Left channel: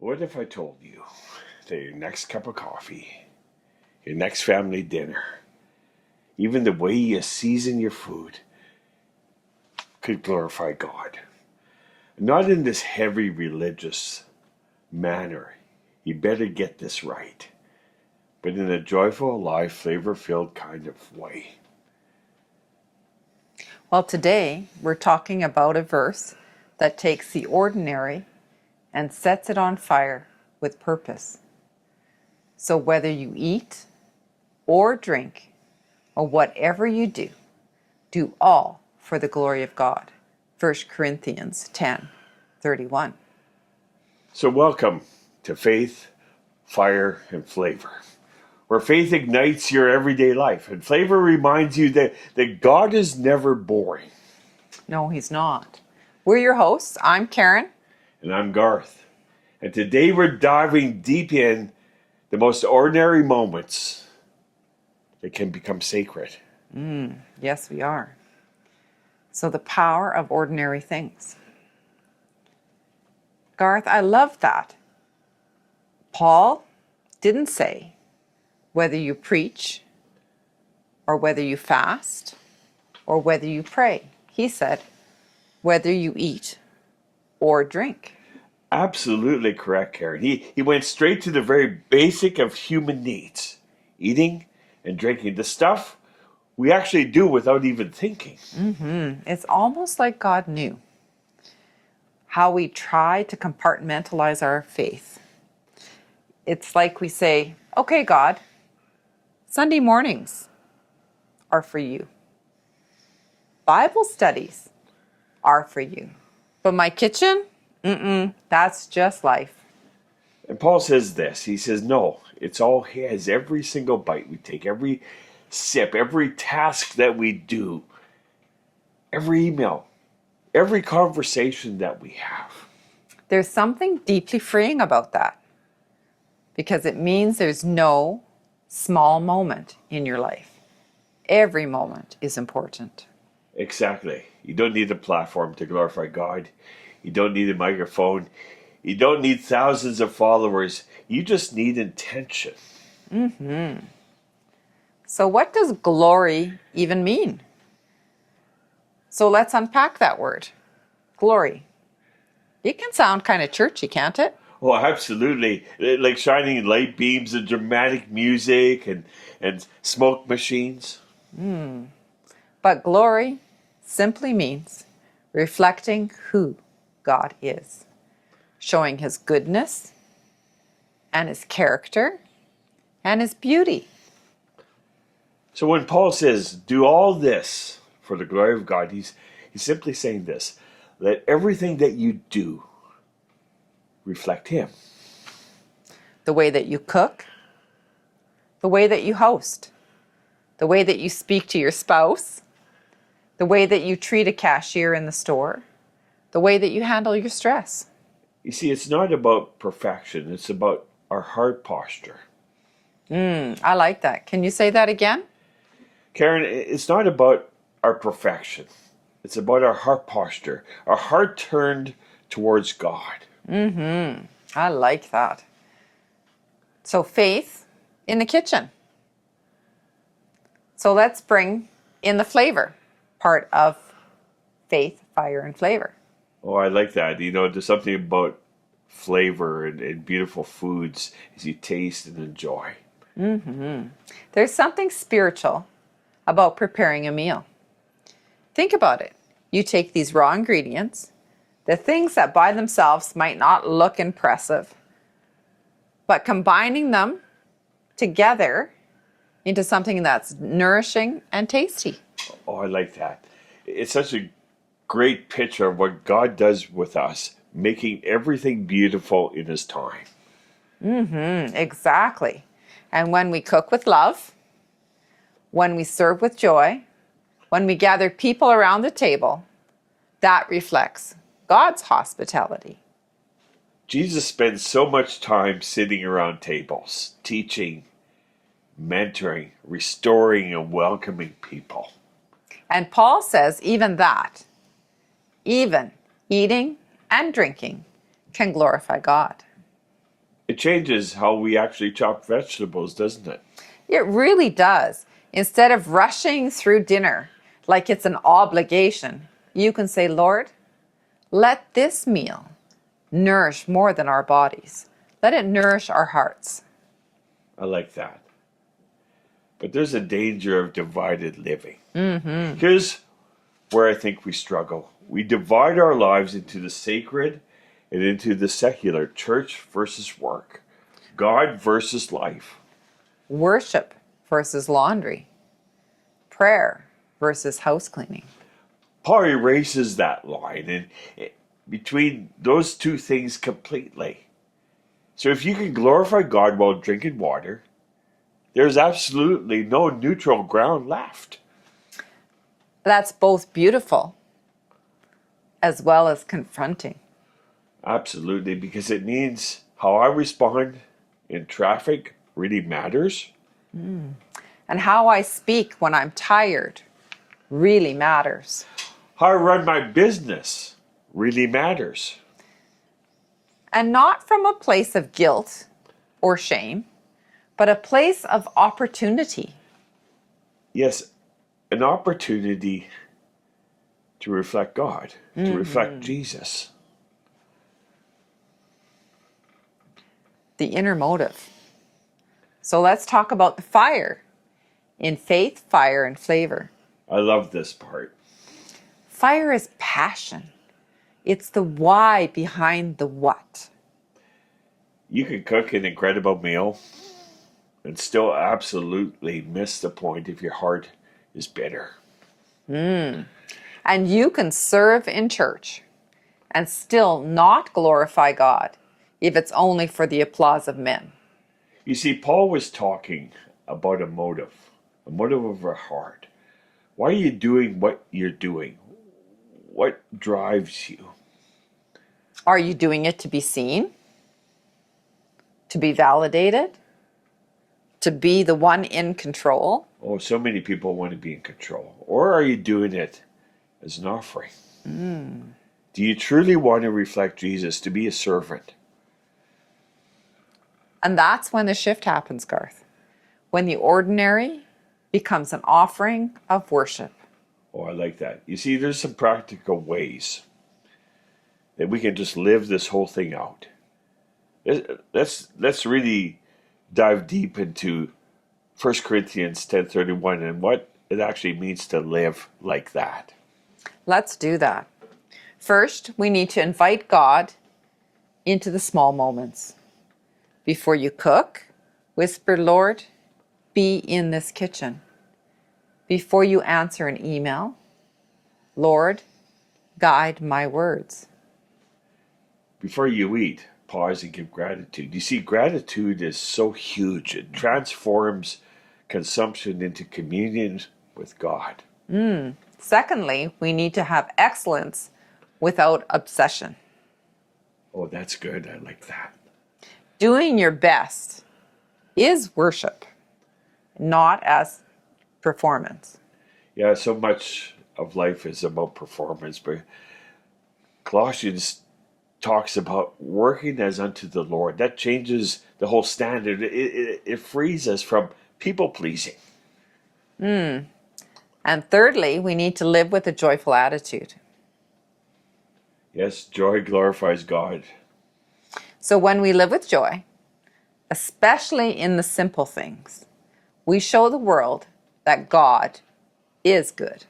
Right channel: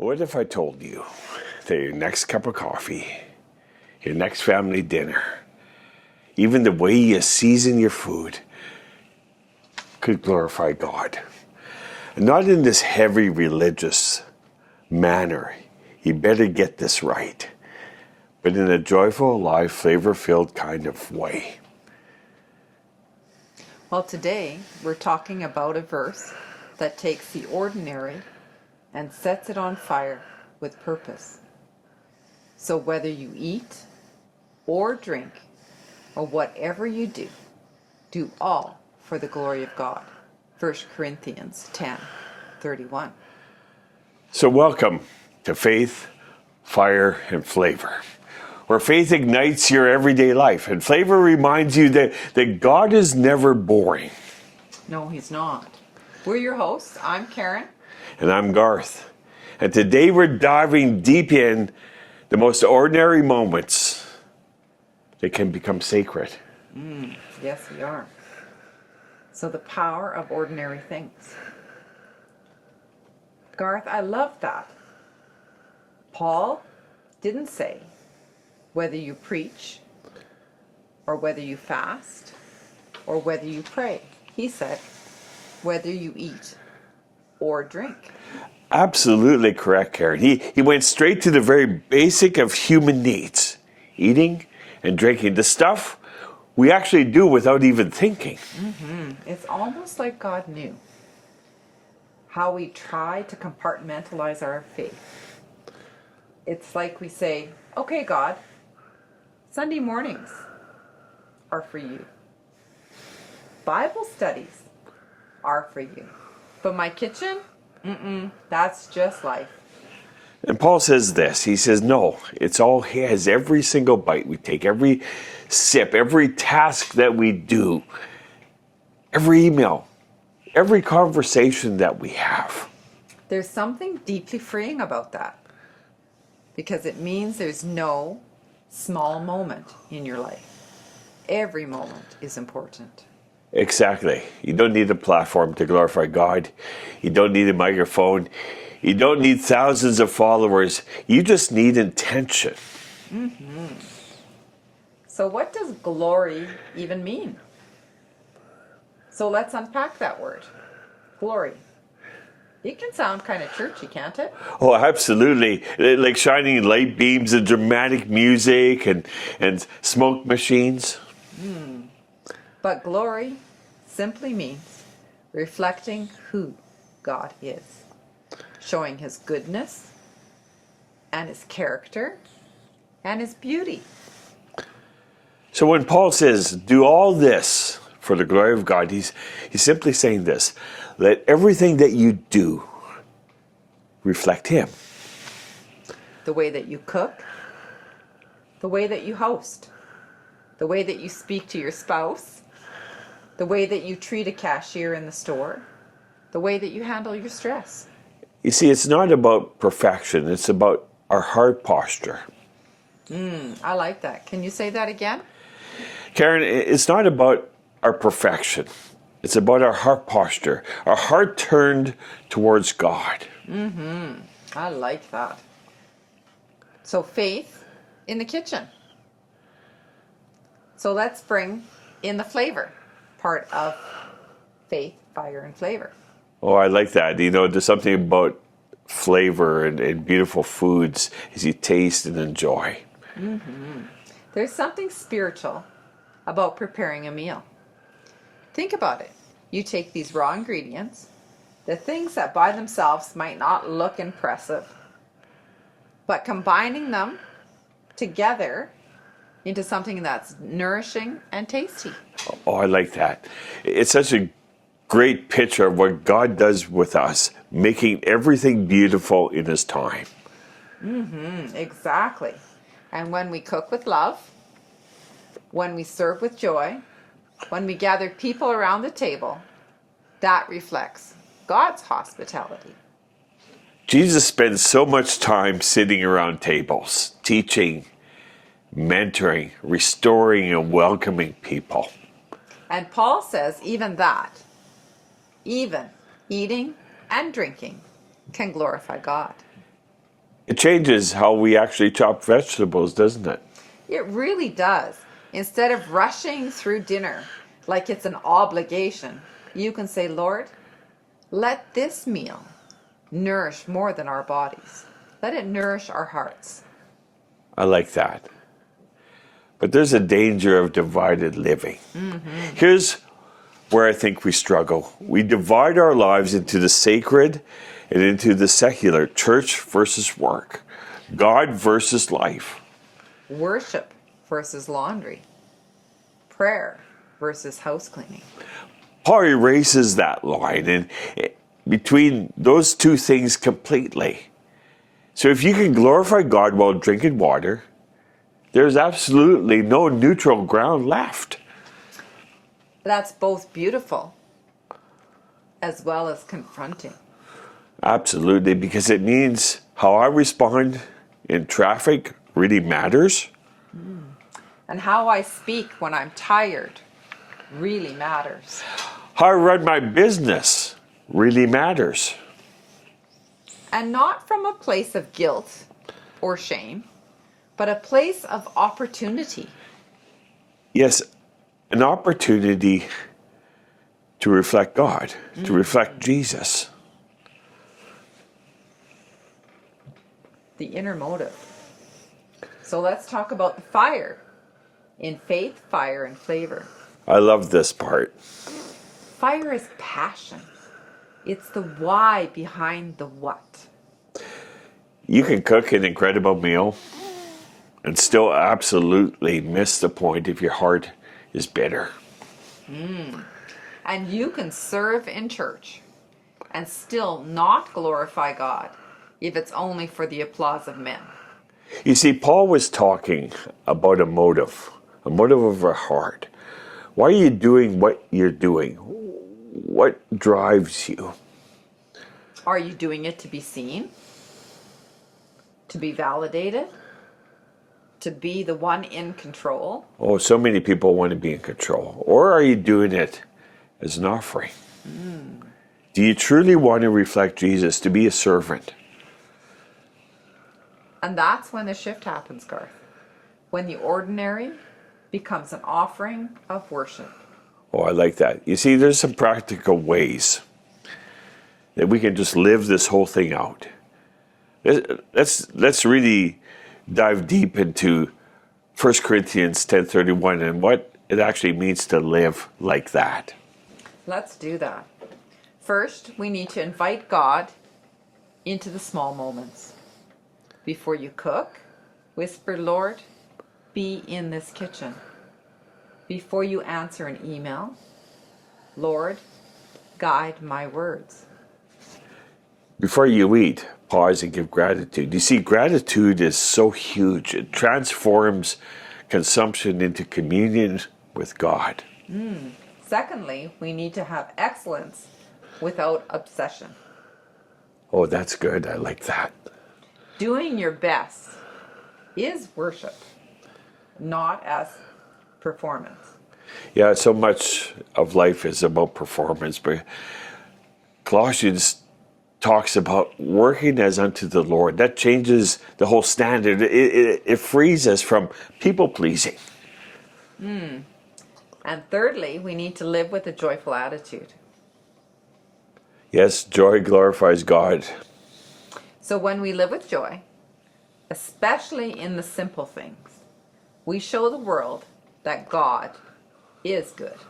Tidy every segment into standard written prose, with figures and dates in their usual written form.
What if I told you that your next cup of coffee, your next family dinner, even the way you season your food could glorify God? And not in this heavy religious manner. You better get this right. But in a joyful, alive, flavor-filled kind of way. Well, today we're talking about a verse that takes the ordinary and sets it on fire with purpose. So whether you eat or drink or whatever you do, do all for the glory of God. 1 Corinthians 10:31. So welcome to Faith, Fire, and Flavor, where faith ignites your everyday life and flavor reminds you that God is never boring. No, he's not. We're your hosts. I'm Karen. And I'm Garth. And today we're diving deep in the most ordinary moments that can become sacred. Yes, we are. So the power of ordinary things. Garth, I love that. Paul didn't say whether you preach or whether you fast or whether you pray. He said whether you eat or drink. Absolutely correct, Karen. He went straight to the very basic of human needs. Eating and drinking. The stuff we actually do without even thinking. It's almost like God knew how we try to compartmentalize our faith. It's like we say, okay, God, Sunday mornings are for you. Bible studies are for you. But my kitchen, that's just life. And Paul says this, he says, no, it's all his. Every single bite we take, every sip, every task that we do, every email, every conversation that we have. There's something deeply freeing about that because it means there's no small moment in your life. Every moment is important. Exactly. You don't need a platform to glorify God. You don't need a microphone. You don't need thousands of followers. You just need intention. So what does glory even mean? So let's unpack that word. Glory. It can sound kind of churchy, can't it? Oh, absolutely. Like shining light beams and dramatic music and smoke machines. But glory simply means reflecting who God is, showing his goodness and his character and his beauty. So when Paul says, do all this for the glory of God, he's simply saying this: let everything that you do reflect him. The way that you cook, the way that you host, the way that you speak to your spouse, the way that you treat a cashier in the store, the way that you handle your stress. You see, it's not about perfection. It's about our heart posture. I like that. Can you say that again? Karen, it's not about our perfection. It's about our heart posture, our heart turned towards God. I like that. So faith in the kitchen. So let's bring in the flavor part of faith, fire, and flavor. Oh, I like that. You know, there's something about flavor and beautiful foods as you taste and enjoy. There's something spiritual about preparing a meal. Think about it. You take these raw ingredients, the things that by themselves might not look impressive, but combining them together into something that's nourishing and tasty. Oh, I like that. It's such a great picture of what God does with us, making everything beautiful in his time. Exactly. And when we cook with love, when we serve with joy, when we gather people around the table, that reflects God's hospitality. Jesus spends so much time sitting around tables, teaching, mentoring, restoring, and welcoming people. And Paul says even that, even eating and drinking can glorify God. It changes how we actually chop vegetables, doesn't it? It really does. Instead of rushing through dinner like it's an obligation, you can say, Lord, let this meal nourish more than our bodies. Let it nourish our hearts. I like that. But there's a danger of divided living. Here's where I think we struggle. We divide our lives into the sacred and into the secular, church versus work, God versus life. Worship versus laundry. Prayer versus house cleaning. Paul erases that line and between those two things completely. So if you can glorify God while drinking water, there's absolutely no neutral ground left. That's both beautiful as well as confronting. Absolutely, because it means how I respond in traffic really matters. And how I speak when I'm tired really matters. How I run my business really matters. And not from a place of guilt or shame, but a place of opportunity. Yes, an opportunity to reflect God, to reflect Jesus. The inner motive. So let's talk about the fire. In faith, fire, and flavor. I love this part. Fire is passion. It's the why behind the what. You can cook an incredible meal and still absolutely miss the point if your heart is bitter. And you can serve in church and still not glorify God if it's only for the applause of men. You see, Paul was talking about a motive of our heart. Why are you doing what you're doing? What drives you? Are you doing it to be seen? To be validated? To be the one in control? Oh, so many people want to be in control. Or are you doing it as an offering? Do you truly want to reflect Jesus, to be a servant? And that's when the shift happens, Garth. When the ordinary becomes an offering of worship. Oh, I like that. You see, there's some practical ways that we can just live this whole thing out. Let's really dive deep into 1 Corinthians 10:31 and what it actually means to live like that. Let's do that. First, we need to invite God into the small moments. Before you cook, whisper, Lord, be in this kitchen. Before you answer an email, Lord, guide my words. Before you eat, pause and give gratitude. You see, gratitude is so huge. It transforms consumption into communion with God. Secondly, we need to have excellence without obsession. Oh, that's good. I like that. Doing your best is worship, not as performance. Yeah, so much of life is about performance, but Colossians talks about working as unto the Lord. That changes the whole standard. It frees us from people pleasing. And thirdly, we need to live with a joyful attitude. Yes, joy glorifies God. So when we live with joy, especially in the simple things, we show the world that God is good.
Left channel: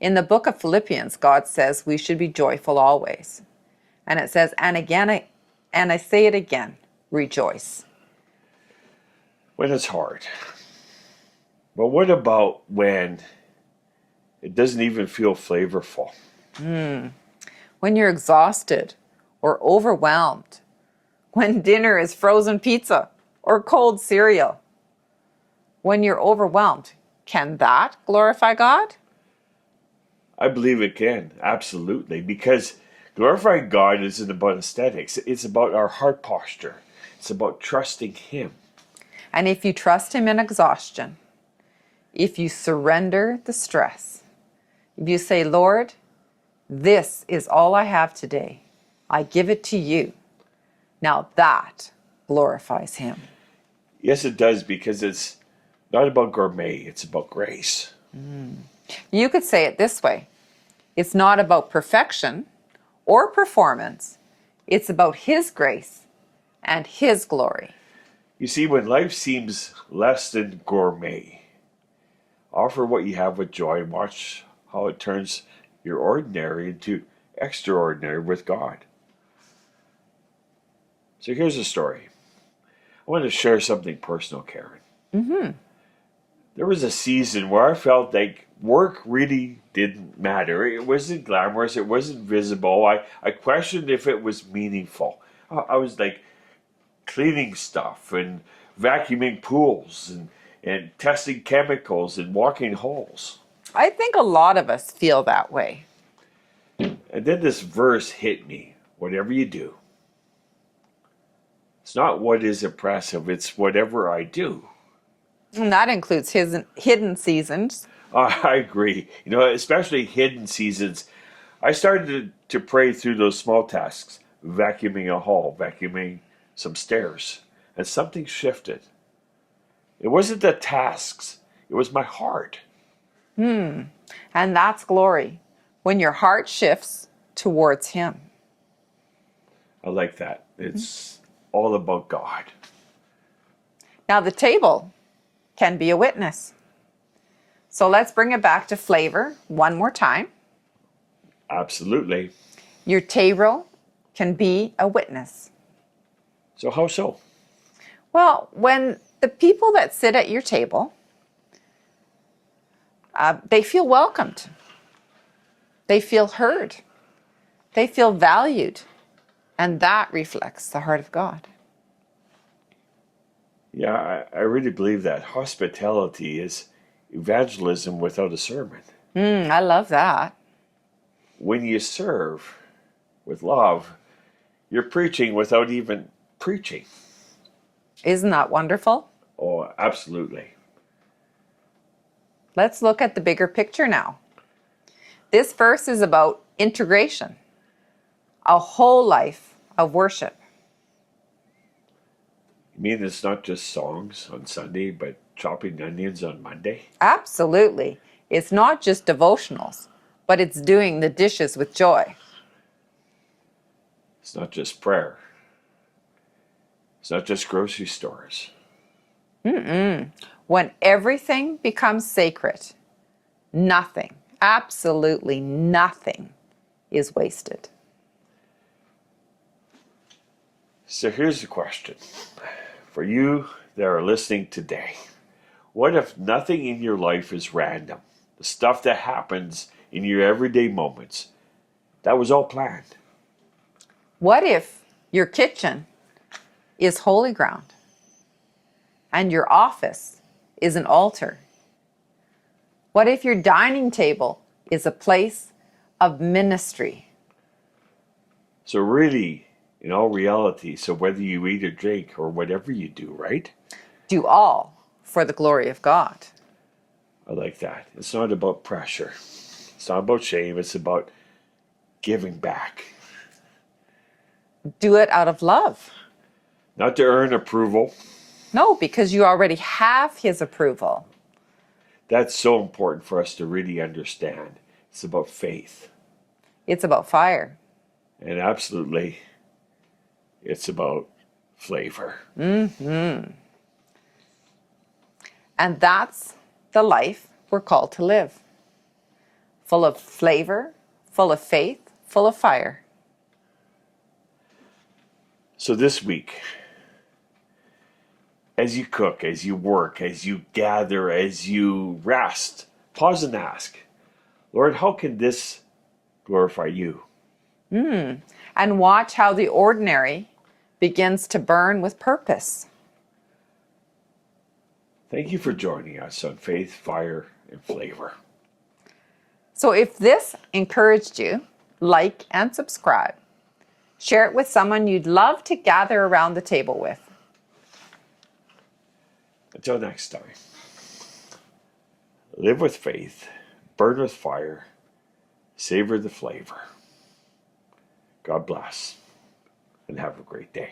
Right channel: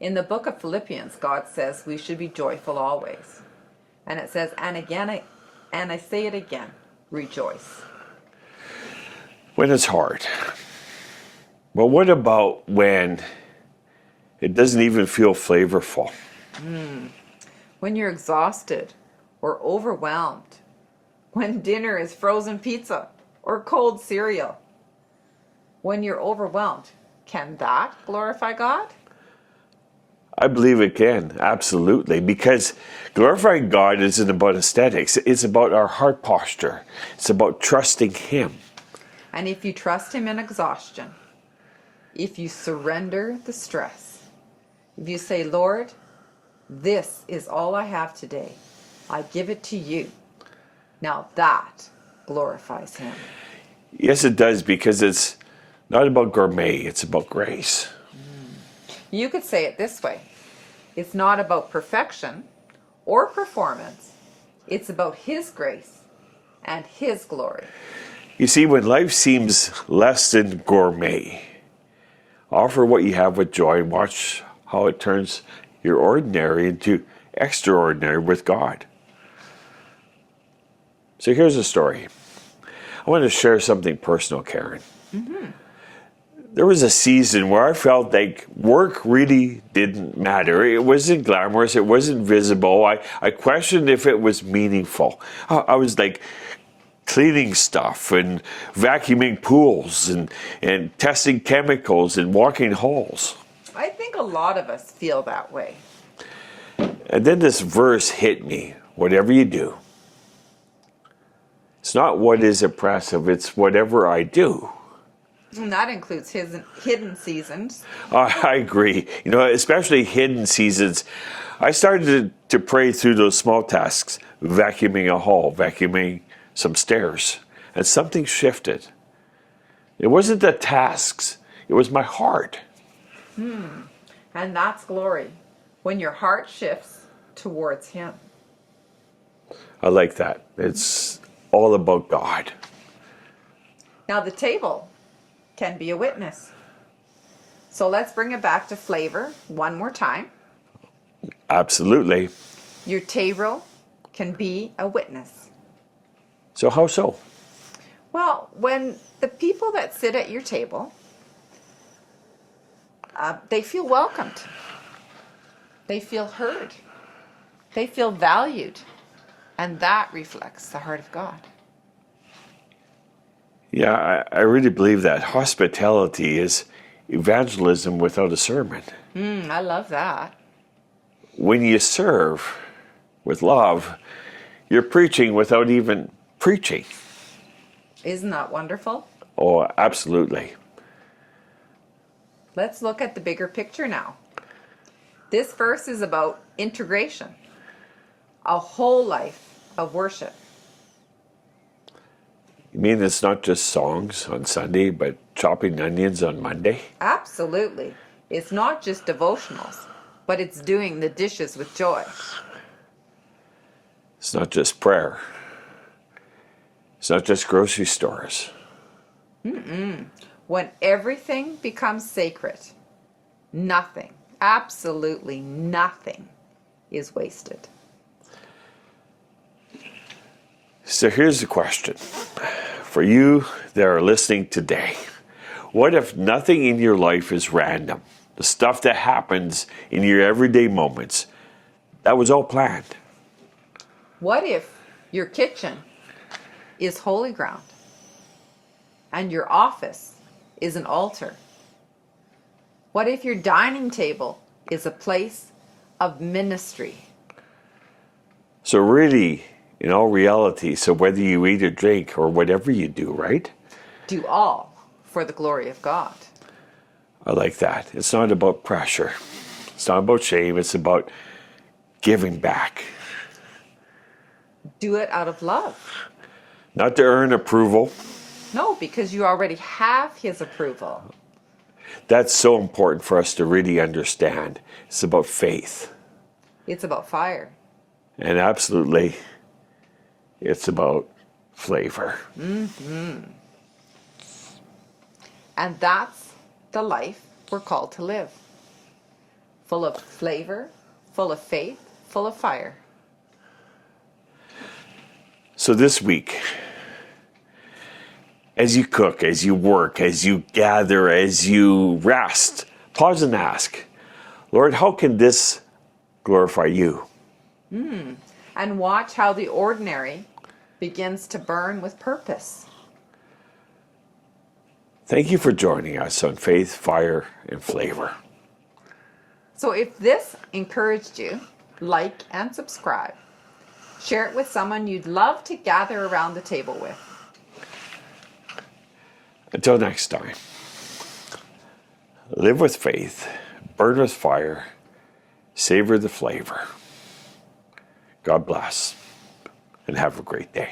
In the book of Philippians, God says we should be joyful always. And it says, and again, and I say it again, rejoice. When it's hard. But what about when it doesn't even feel flavorful? When you're exhausted or overwhelmed, when dinner is frozen pizza or cold cereal, when you're overwhelmed, can that glorify God? I believe it can, absolutely, because glorifying God isn't about aesthetics. It's about our heart posture. It's about trusting Him. And if you trust Him in exhaustion, if you surrender the stress, if you say, Lord, this is all I have today, I give it to you. Now that glorifies him. Yes, it does, because it's not about gourmet, it's about grace. You could say it this way. It's not about perfection or performance. It's about his grace and his glory. You see, when life seems less than gourmet, offer what you have with joy and watch how it turns your ordinary into extraordinary with God. So here's a story. I want to share something personal, Karen. There was a season where I felt like work really didn't matter. It wasn't glamorous. It wasn't visible. I questioned if it was meaningful. I was like cleaning stuff and vacuuming pools and testing chemicals and walking halls. I think a lot of us feel that way. And then this verse hit me. Whatever you do, it's not what is impressive, it's whatever I do. And that includes his hidden seasons. I agree. You know, especially hidden seasons. I started to pray through those small tasks, vacuuming a hall, vacuuming some stairs, and something shifted. It wasn't the tasks, it was my heart. And that's glory, when your heart shifts towards him. I like that. It's all about God. Now the table can be a witness. So let's bring it back to flavor one more time. Absolutely. Your table can be a witness. So how so? Well, when the people that sit at your table, they feel welcomed. They feel heard. They feel valued. And that reflects the heart of God. Yeah, I really believe that. Hospitality is evangelism without a sermon. I love that. When you serve with love, you're preaching without even preaching. Isn't that wonderful? Oh, absolutely. Let's look at the bigger picture now. This verse is about integration, a whole life of worship. You mean it's not just songs on Sunday, but chopping onions on Monday? Absolutely. It's not just devotionals, but it's doing the dishes with joy. It's not just prayer. It's not just grocery stores. When everything becomes sacred, nothing, absolutely nothing is wasted. So here's the question. For you that are listening today, what if nothing in your life is random? The stuff that happens in your everyday moments, that was all planned. What if your kitchen is holy ground and your office is an altar? What if your dining table is a place of ministry? So really, in all reality, so whether you eat or drink or whatever you do, right? Do all for the glory of God. I like that. It's not about pressure. It's not about shame. It's about giving back. Do it out of love. Not to earn approval. No, because you already have his approval. That's so important for us to really understand. It's about faith. It's about fire. And absolutely, it's about flavor. And that's the life we're called to live. Full of flavor, full of faith, full of fire. So this week, as you cook, as you work, as you gather, as you rest, pause and ask, Lord, how can this glorify you? And watch how the ordinary begins to burn with purpose. Thank you for joining us on Faith, Fire, and Flavor. So if this encouraged you, like and subscribe. Share it with someone you'd love to gather around the table with. Until next time, live with faith, burn with fire, savor the flavor. God bless, and have a great day.